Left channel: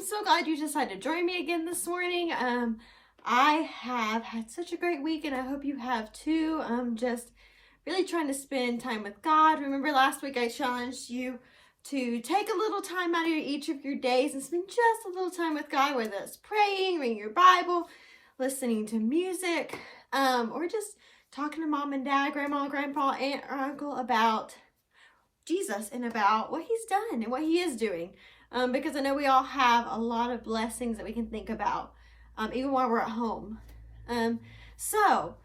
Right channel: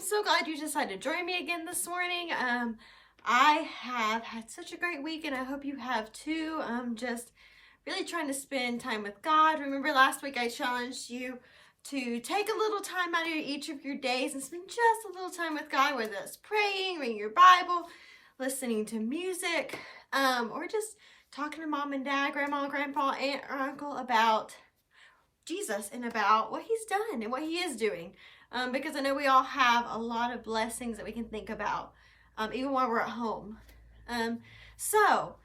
am so glad you decided to join me again this morning. I have had such a great week, and I hope you have too. Just really trying to spend time with God. Remember last week I challenged you to take a little time out of each of your days and spend just a little time with God, whether it's praying, reading your Bible, listening to music, or just talking to mom and dad, grandma, grandpa, aunt, or uncle about Jesus and about what he's done and what he is doing. Because I know we all have a lot of blessings that we can think about, even while we're at home. So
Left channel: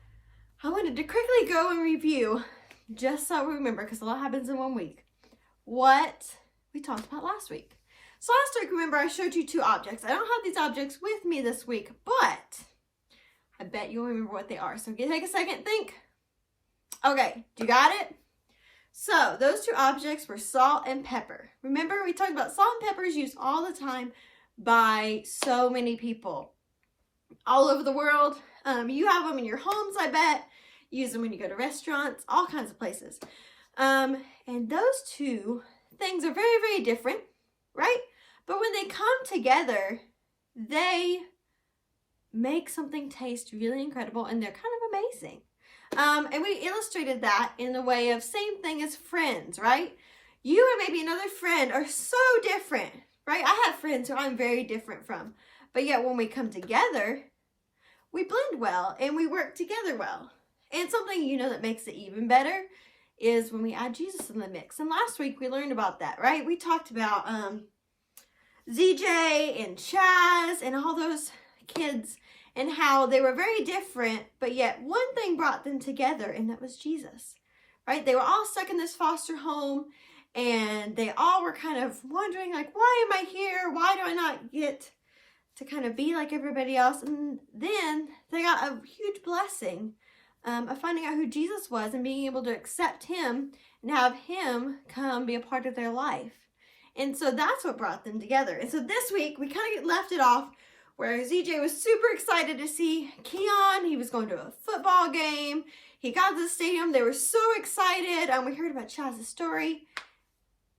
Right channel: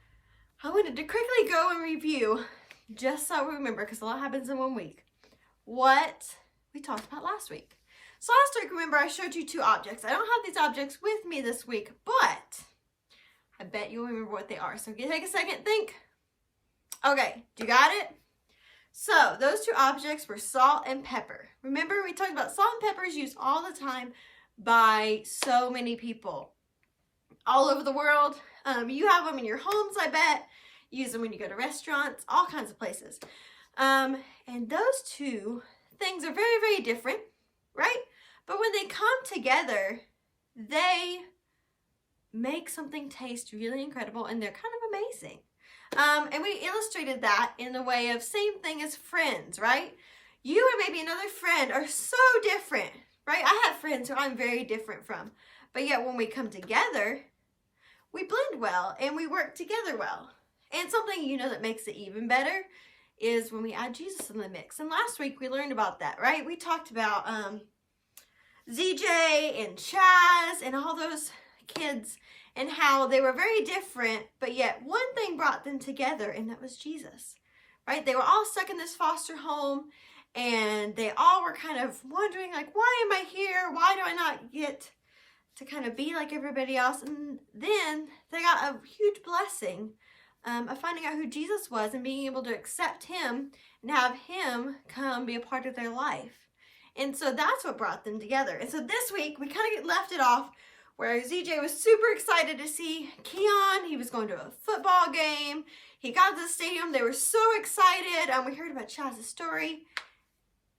I wanted to quickly go and review, just so we remember, because a lot happens in 1 week, what we talked about last week. So last week, remember, I showed you 2 objects. I don't have these objects with me this week, but I bet you'll remember what they are. So take a second, think. Okay, you got it? So those 2 objects were salt and pepper. Remember, we talked about salt and pepper is used all the time by so many people all over the world. You have them in your homes, I bet. You use them when you go to restaurants, all kinds of places. And those 2 things are very, very different, right? But when they come together, they make something taste really incredible, and they're kind of amazing. And we illustrated that in the way of same thing as friends, right? You and maybe another friend are so different, right? I have friends who I'm very different from, but yet when we come together, we blend well and we work together well. And something, that makes it even better is when we add Jesus in the mix. And last week we learned about that, right? We talked about ZJ and Chaz and all those kids, and how they were very different, but yet one thing brought them together, and that was Jesus, right? They were all stuck in this foster home, and they all were kind of wondering, like, why am I here? Why do I not get to kind of be like everybody else? And then they got a huge blessing of finding out who Jesus was and being able to accept him and have him come be a part of their life. And so that's what brought them together. And so this week, we kind of left it off where ZJ was super excited to see Keon. He was going to a football game. He got to the stadium. They were so excited. We heard about Chaz's story.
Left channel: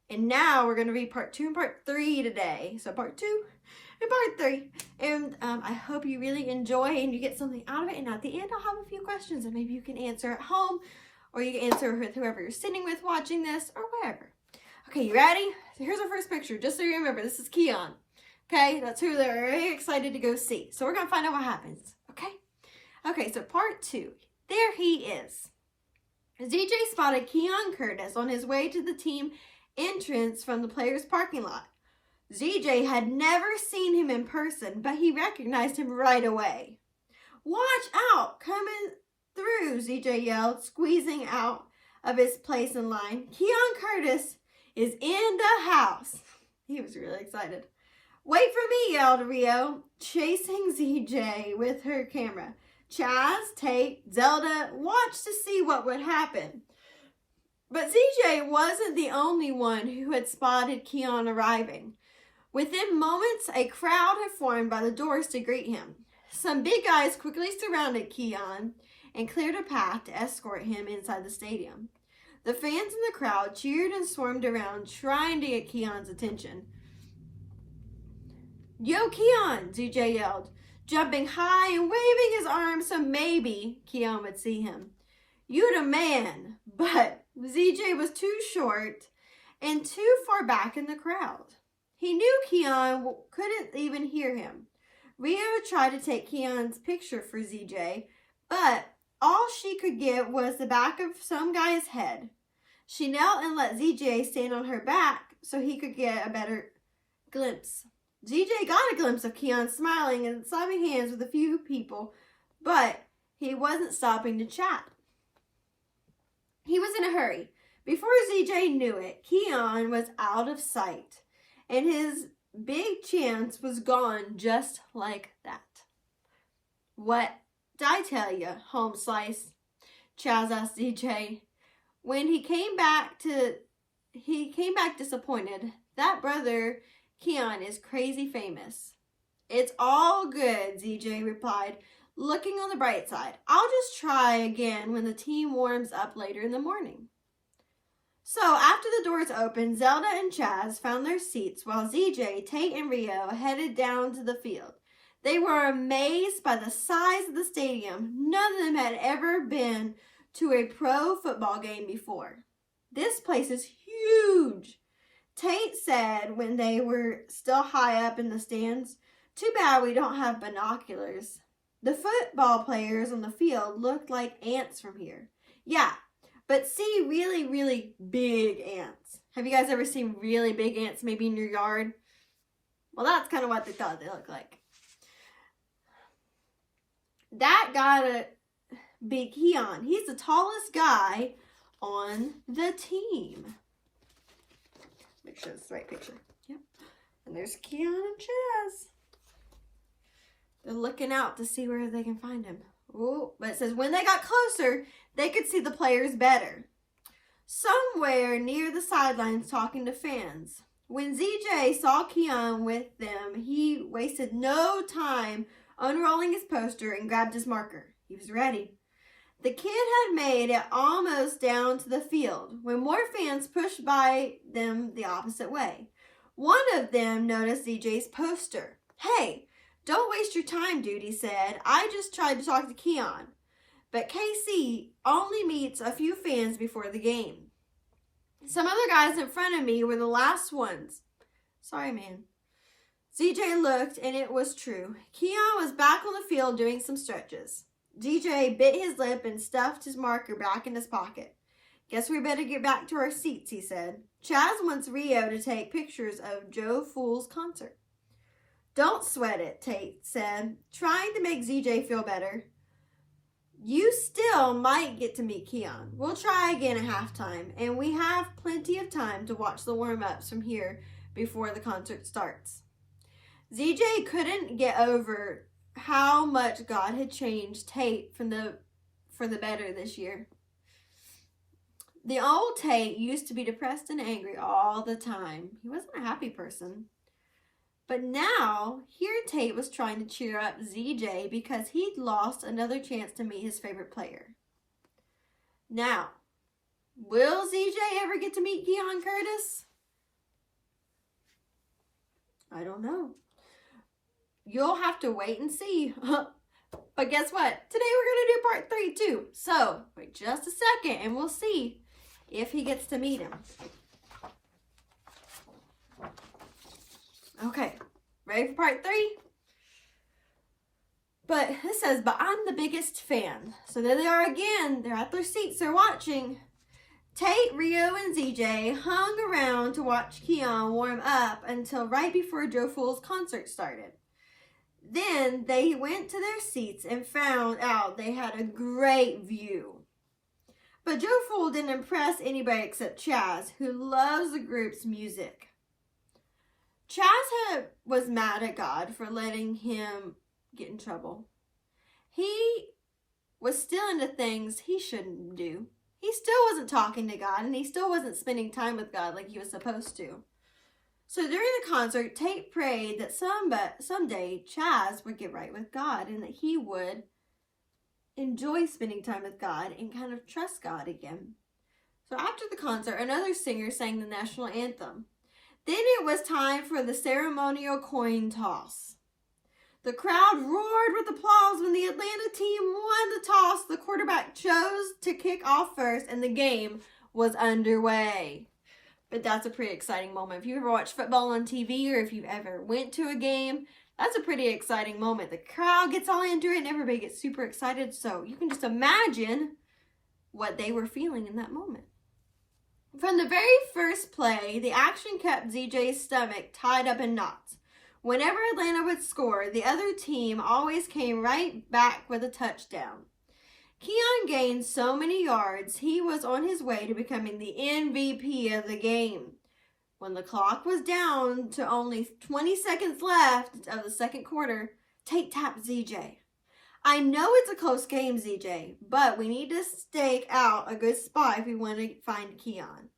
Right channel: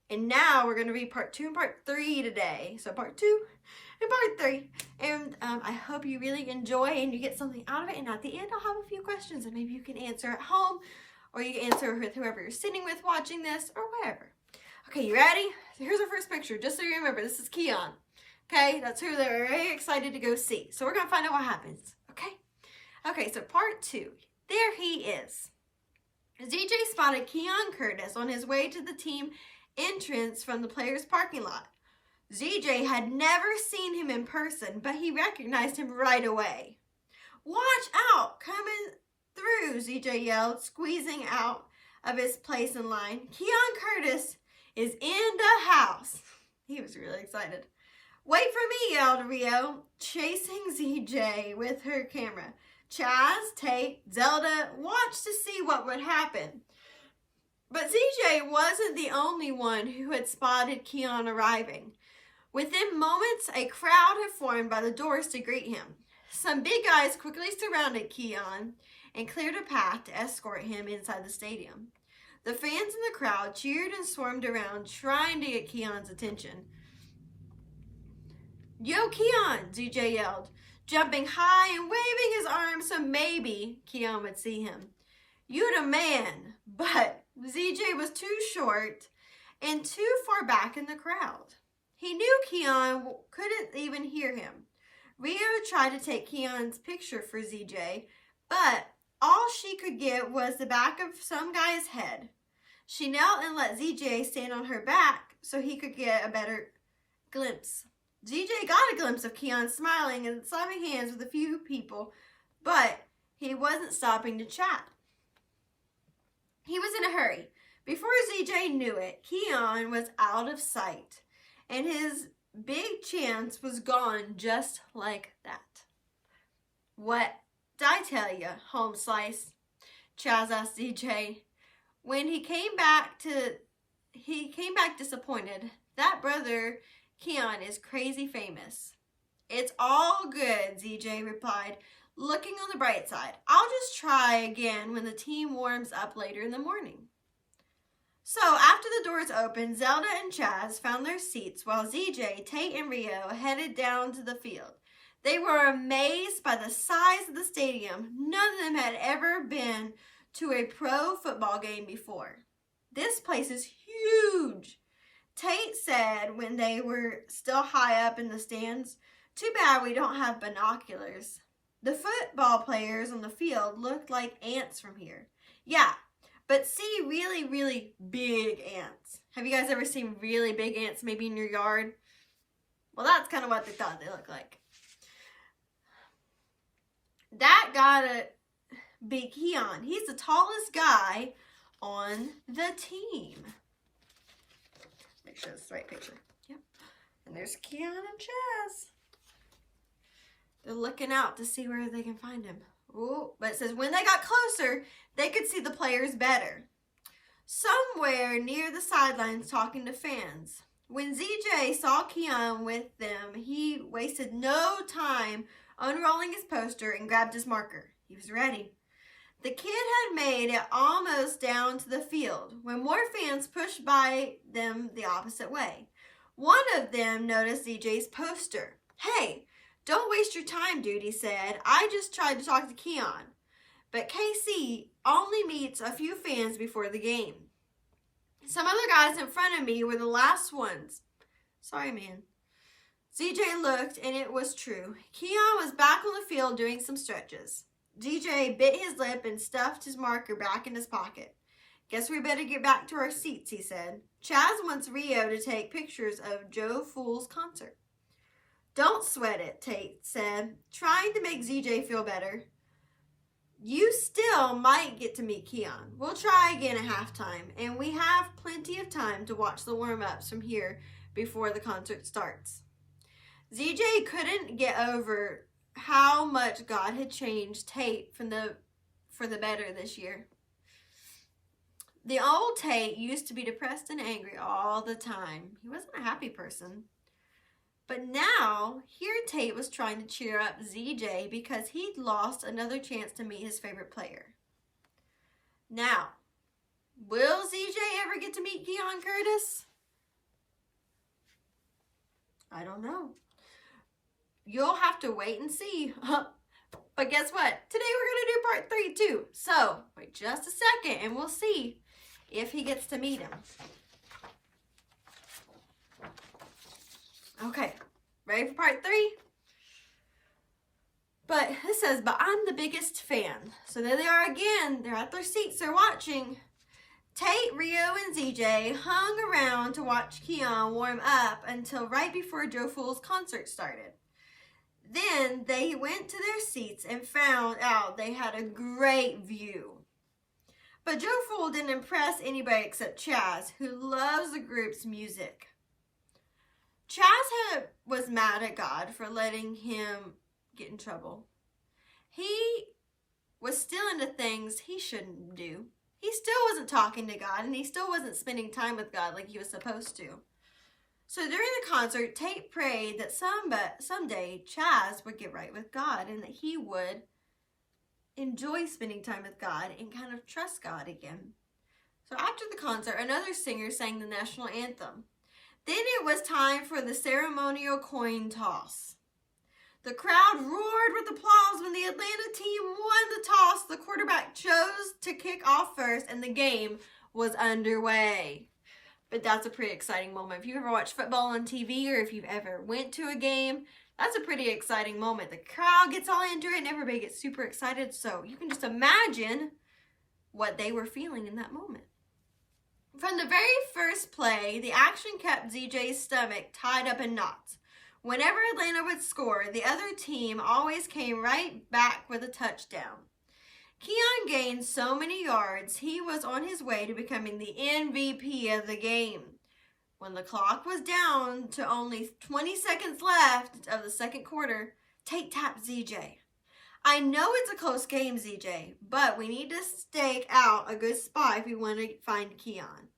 And now we're going to read part 2 and part 3 today. So part 2 and part 3. And I hope you really enjoy and you get something out of it. And at the end, I'll have a few questions that maybe you can answer at home, or you can answer with whoever you're sitting with watching this, or wherever. Okay, you ready? So here's our first picture. Just so you remember, this is Keon. Okay, that's who they're very excited to go see. So we're going to find out what happens, okay? Okay, so part 2. There he is. ZJ spotted Keon Curtis on his way to the team entrance from the players' parking lot. ZJ had never seen him in person, but he recognized him right away. "Watch out, coming through," ZJ yelled, squeezing out of his place in line. "Keon Curtis is in the house." He was really excited. "Wait for me," yelled Rio, chasing ZJ with her camera. Chaz, Tate, Zelda watched to see what would happen. But ZJ wasn't the only one who had spotted Keon arriving. Within moments, a crowd had formed by the doors to greet him. Some big guys quickly surrounded Keon and cleared a path to escort him inside the stadium. The fans in the crowd cheered and swarmed around, trying to get Keon's attention. "Yo, Keon," ZJ yelled, jumping high and waving his arms so maybe Keon would see him. "You the man," but ZJ was too short and too far back in the crowd. He knew Keon couldn't even hear him. Rio tried to take Keon's picture for ZJ, but all she could get was the back of some guy's head. She knelt and let ZJ stand on her back so he could get a better glimpse. ZJ got a glimpse of Keon smiling and slapping hands with a few people, but he wasn't stopping to chat. He was in a hurry. Before ZJ knew it, Keon was out of sight, and his big chance was gone just like that. "What did I tell you, home slice?" Chaz asked ZJ. When he came back disappointed. "That brother Keon is crazy famous." "It's all good," ZJ replied, looking on the bright side. "I'll just try again when the team warms up later in the morning." So after the doors opened, Zelda and Chaz found their seats while ZJ, Tate, and Rio headed down to the field. They were amazed by the size of the stadium. None of them had ever been to a pro football game before. This place is huge. Tate said when they were still high up in the stands, "Too bad we don't have binoculars." The football players on the field looked like ants from here. Yeah, but see really, really big ants. Have you guys ever seen really big ants maybe in your yard? Well, that's kind of what they thought they looked like. That gotta be Keon. He's the tallest guy on the team. Make sure it's the right picture. Yep. And there's Keon and Chaz. They're looking out to see where they can find him. Oh, but it says when they got closer, they could see the players better. Somewhere near the sidelines talking to fans. When ZJ saw Keon with them, he wasted no time unrolling his poster and grabbed his marker. He was ready. The kid had made it almost down to the field when more fans pushed by them the opposite way. One of them noticed ZJ's poster. "Hey, don't waste your time, dude," he said. "I just tried to talk to Keon." But KC only meets a few fans before the game. Some other guys in front of me were the last ones. Sorry, man. ZJ looked, and it was true. Keon was back on the field doing some stretches. ZJ bit his lip and stuffed his marker back in his pocket. "Guess we better get back to our seats," he said. "Chaz wants Rio to take pictures of Joe Fool's concert." "Don't sweat it," Tate said, trying to make ZJ feel better. "You still might get to meet Keon. We'll try again at halftime, and we have plenty of time to watch the warm-ups from here before the concert starts." ZJ couldn't get over how much God had changed Tate for the better this year. The old Tate used to be depressed and angry all the time. He wasn't a happy person. But now, here Tate was trying to cheer up ZJ because he'd lost another chance to meet his favorite player. Now, will ZJ ever get to meet Keon Curtis? I don't know. You'll have to wait and see. But guess what? Today we're going to do part 3 too. So, wait just a second and we'll see if he gets to meet him. Okay, ready for part 3? But it says, "But I'm the biggest fan." So there they are again. They're at their seats. They're watching. Tate, Rio, and ZJ hung around to watch Keon warm up until right before Joe Fool's concert started. Then they went to their seats and found out they had a great view. But Joe Fool didn't impress anybody except Chaz, who loves the group's music. Chaz was mad at God for letting him get in trouble. He was still into things he shouldn't do. He still wasn't talking to God, and he still wasn't spending time with God like he was supposed to. So during the concert, Tate prayed that someday Chaz would get right with God and that he would enjoy spending time with God and kind of trust God again. So after the concert, another singer sang the national anthem. Then it was time for the ceremonial coin toss. The crowd roared with applause when the Atlanta team won the toss. The quarterback chose to kick off first and the game was underway. But that's a pretty exciting moment. If you ever watched football on TV or if you've ever went to a game, that's a pretty exciting moment. The crowd gets all into it and everybody gets super excited. So you can just imagine what they were feeling in that moment. From the very first play, the action kept ZJ's stomach tied up in knots. Whenever Atlanta would score, the other team always came right back with a touchdown. Keon gained so many yards, he was on his way to becoming the MVP of the game. When the clock was down to only 20 seconds left of the second quarter, Tate tapped ZJ. "I know it's a close game, ZJ, but we need to stake out a good spot if we want to find Keon.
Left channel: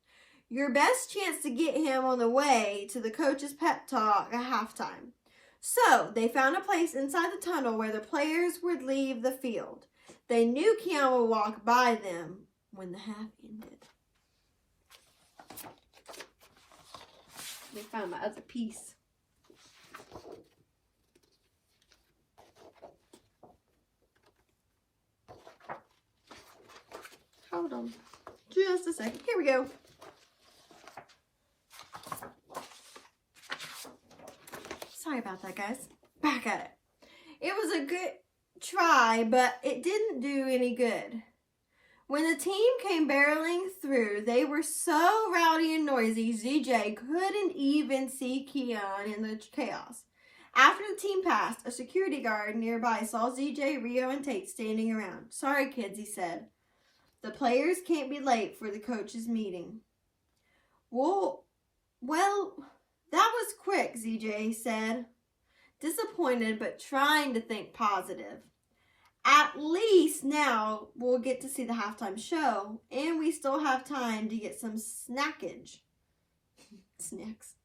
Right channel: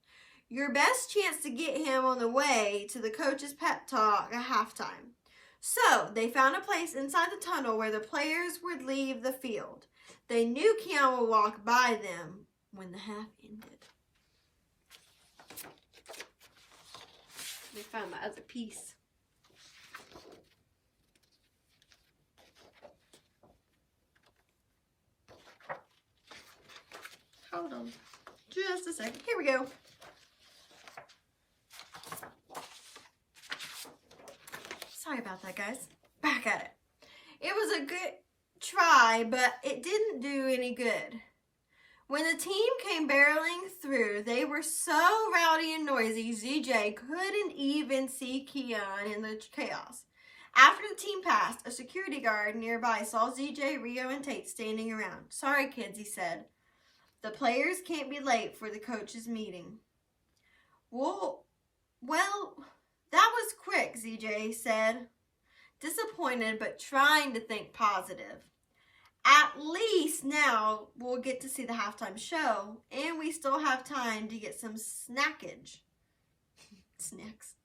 Your best chance to get him on the way to the coach's pep talk at halftime." So they found a place inside the tunnel where the players would leave the field. They knew Keon would walk by them when the half ended. me find my other piece. Hold on. Just a second. Here we go. Sorry about that, guys. Back at it. It was a good try, but it didn't do any good. When the team came barreling through, they were so rowdy and noisy, ZJ couldn't even see Keon in the chaos. After the team passed, a security guard nearby saw ZJ, Rio, and Tate standing around. "Sorry, kids," he said. "The players can't be late for the coaches' meeting." Well, that was quick," ZJ said, disappointed but trying to think positive. "At least now we'll get to see the halftime show, and we still have time to get some snackage." Snacks.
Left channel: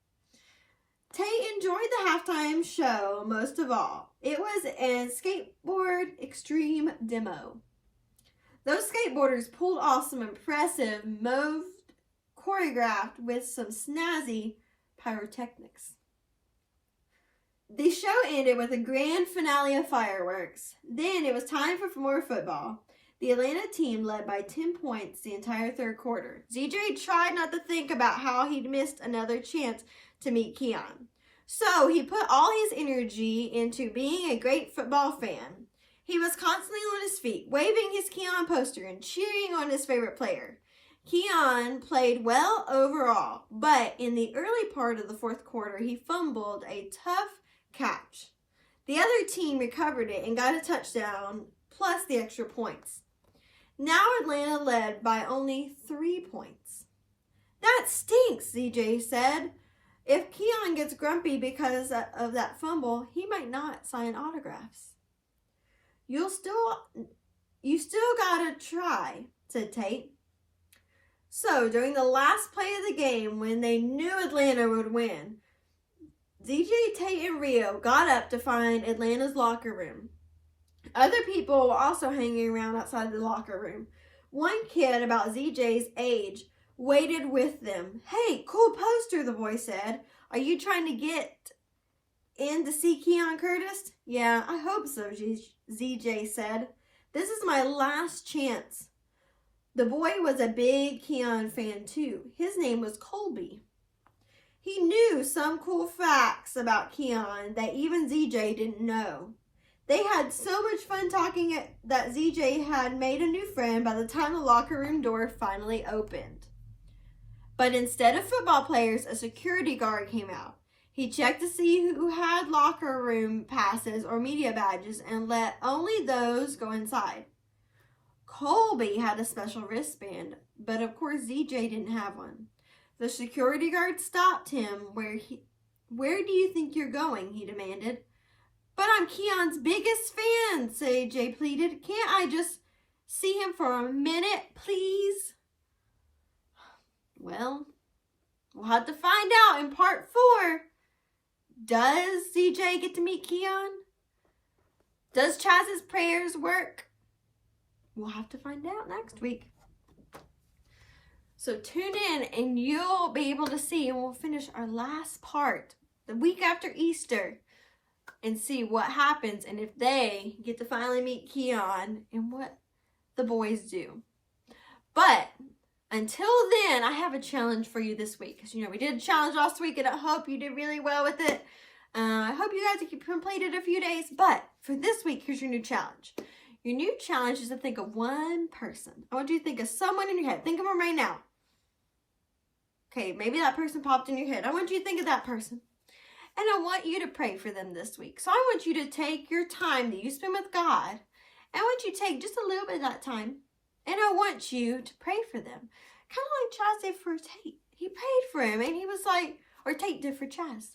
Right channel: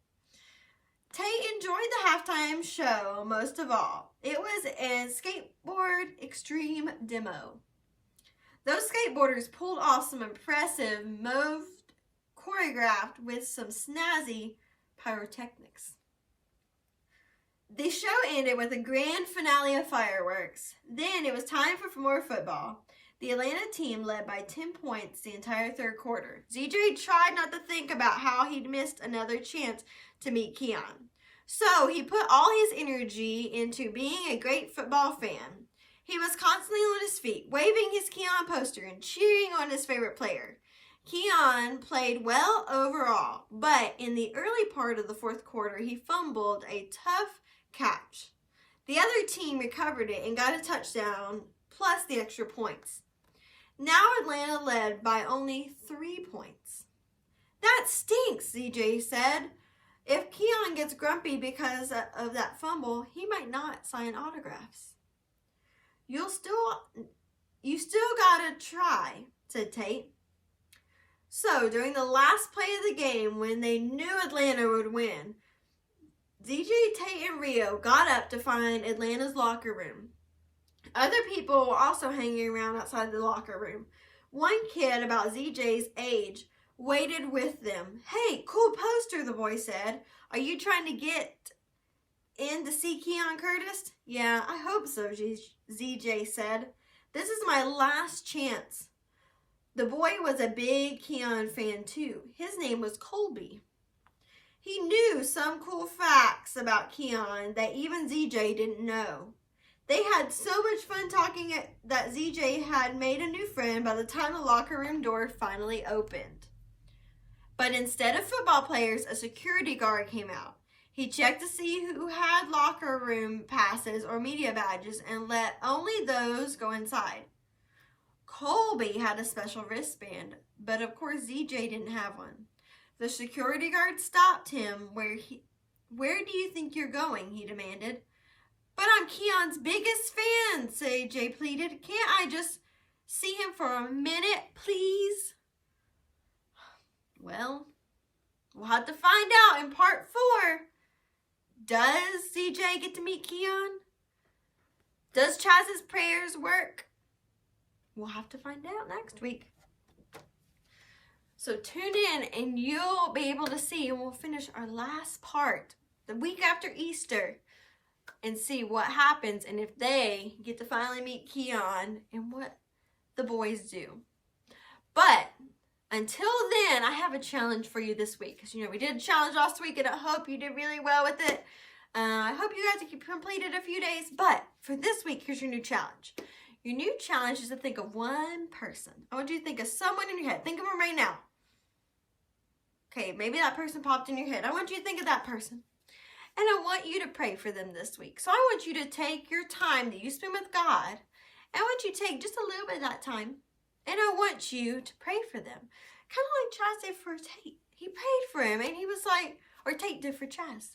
Tate enjoyed the halftime show most of all. It was a skateboard extreme demo. Those skateboarders pulled off some impressive moves choreographed with some snazzy pyrotechnics. The show ended with a grand finale of fireworks. Then it was time for more football. The Atlanta team led by 10 points the entire third quarter. ZJ tried not to think about how he'd missed another chance to meet Keon. So he put all his energy into being a great football fan. He was constantly on his feet, waving his Keon poster and cheering on his favorite player. Keon played well overall, but in the early part of the fourth quarter, he fumbled a tough catch. The other team recovered it and got a touchdown, plus the extra points. Now Atlanta led by only 3 points. "That stinks," ZJ said. "If Keon gets grumpy because of that fumble, he might not sign autographs." You still gotta try," said Tate. So, during the last play of the game, when they knew Atlanta would win, ZJ, Tate, and Rio got up to find Atlanta's locker room. Other people were also hanging around outside the locker room. One kid, about ZJ's age, waited with them. "Hey, cool poster," the boy said. "Are you trying to get in to see Keon Curtis?" "Yeah, I hope so," ZJ said. "This is my last chance." The boy was a big Keon fan too. His name was Colby. He knew some cool facts about Keon that even ZJ didn't know. They had so much fun talking that ZJ had made a new friend by the time the locker room door finally opened. But instead of football players, a security guard came out. He checked to see who had locker room passes or media badges and let only those go inside. Colby had a special wristband, but of course ZJ didn't have one. The security guard stopped him. Where do you think you're going?" he demanded. "But I'm Keon's biggest fan," ZJ pleaded. "Can't I just see him for a minute, please?" Well, we'll have to find out in part 4. Does ZJ get to meet Keon? Does Chaz's prayers work? We'll have to find out next week. So tune in and you'll be able to see, and we'll finish our last part the week after Easter and see what happens and if they get to finally meet Keon and what the boys do. But until then, I have a challenge for you this week. Because, we did a challenge last week, and I hope you did really well with it. I hope you guys completed a few days. But for this week, here's your new challenge. Your new challenge is to think of one person. I want you to think of someone in your head. Think of them right now. Okay, maybe that person popped in your head. I want you to think of that person. And I want you to pray for them this week. So I want you to take your time that you spend with God. And I want you to take just a little bit of that time. And I want you to pray for them. Kind of like Chaz did for Tate. He prayed for him and he was like, or Tate did for Chaz.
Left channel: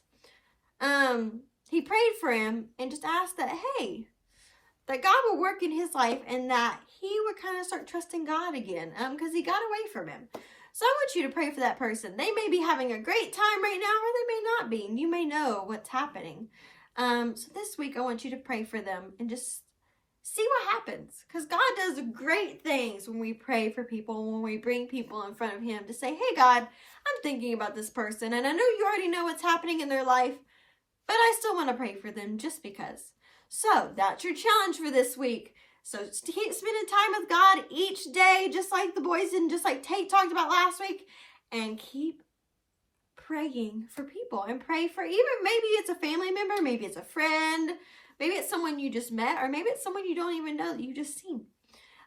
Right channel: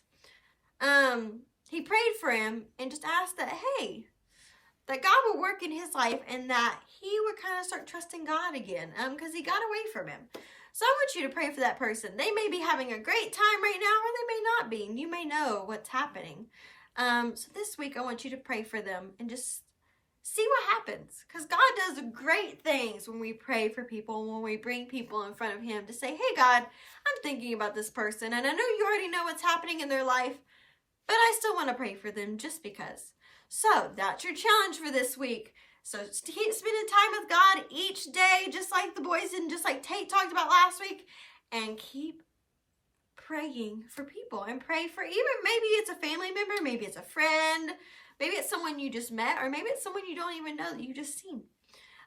He prayed for him and just asked that, hey, that God would work in his life and that he would kind of start trusting God again. Because he got away from him. So I want you to pray for that person. They may be having a great time right now, or they may not be. And you may know what's happening. So this week I want you to pray for them and just see what happens. Because God does great things when we pray for people, when we bring people in front of him to say, hey, God, I'm thinking about this person, and I know you already know what's happening in their life, but I still want to pray for them just because. So that's your challenge for this week. So keep spending time with God each day, just like the boys did, and just like Tate talked about last week, and keep praying for people, and pray for, even maybe it's a family member, maybe it's a friend, maybe it's someone you just met, or maybe it's someone you don't even know that you just seen.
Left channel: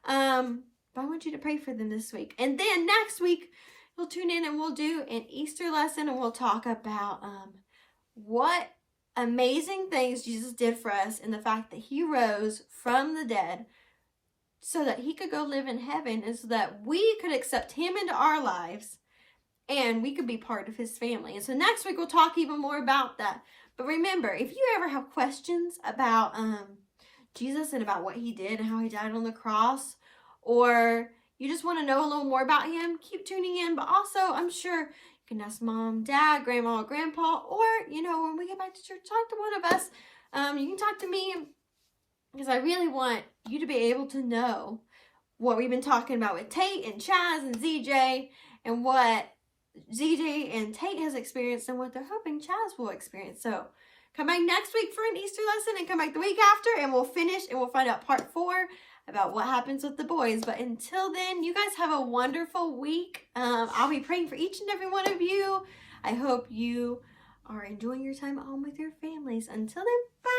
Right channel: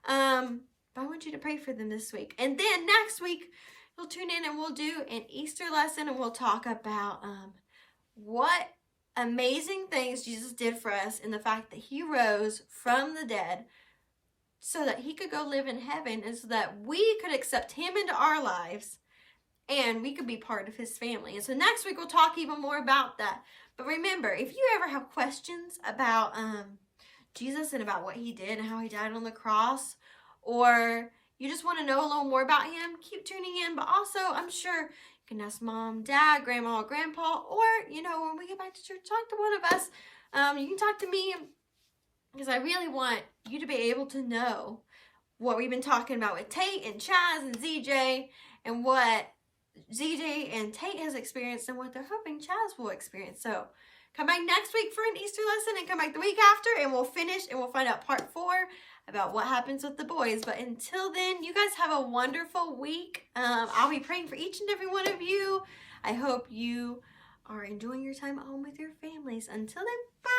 But I want you to pray for them this week. And then next week, you'll tune in and we'll do an Easter lesson, and we'll talk about what amazing things Jesus did for us, and the fact that he rose from the dead so that he could go live in heaven, and so that we could accept him into our lives and we could be part of his family. And so next week we'll talk even more about that. But remember, if you ever have questions about Jesus and about what he did and how he died on the cross, or you just want to know a little more about him, keep tuning in. But also, I'm sure you can ask mom, dad, grandma, grandpa, or, when we get back to church, talk to one of us. You can talk to me, because I really want you to be able to know what we've been talking about with Tate and Chaz and ZJ, and what ZJ and Tate has experienced, and what they're hoping Chaz will experience. So come back next week for an Easter lesson, and come back the week after, and we'll finish, and we'll find out part 4 about what happens with the boys. But until then, you guys have a wonderful week. I'll be praying for each and every one of you. I hope you are enjoying your time at home with your families. Until then, bye.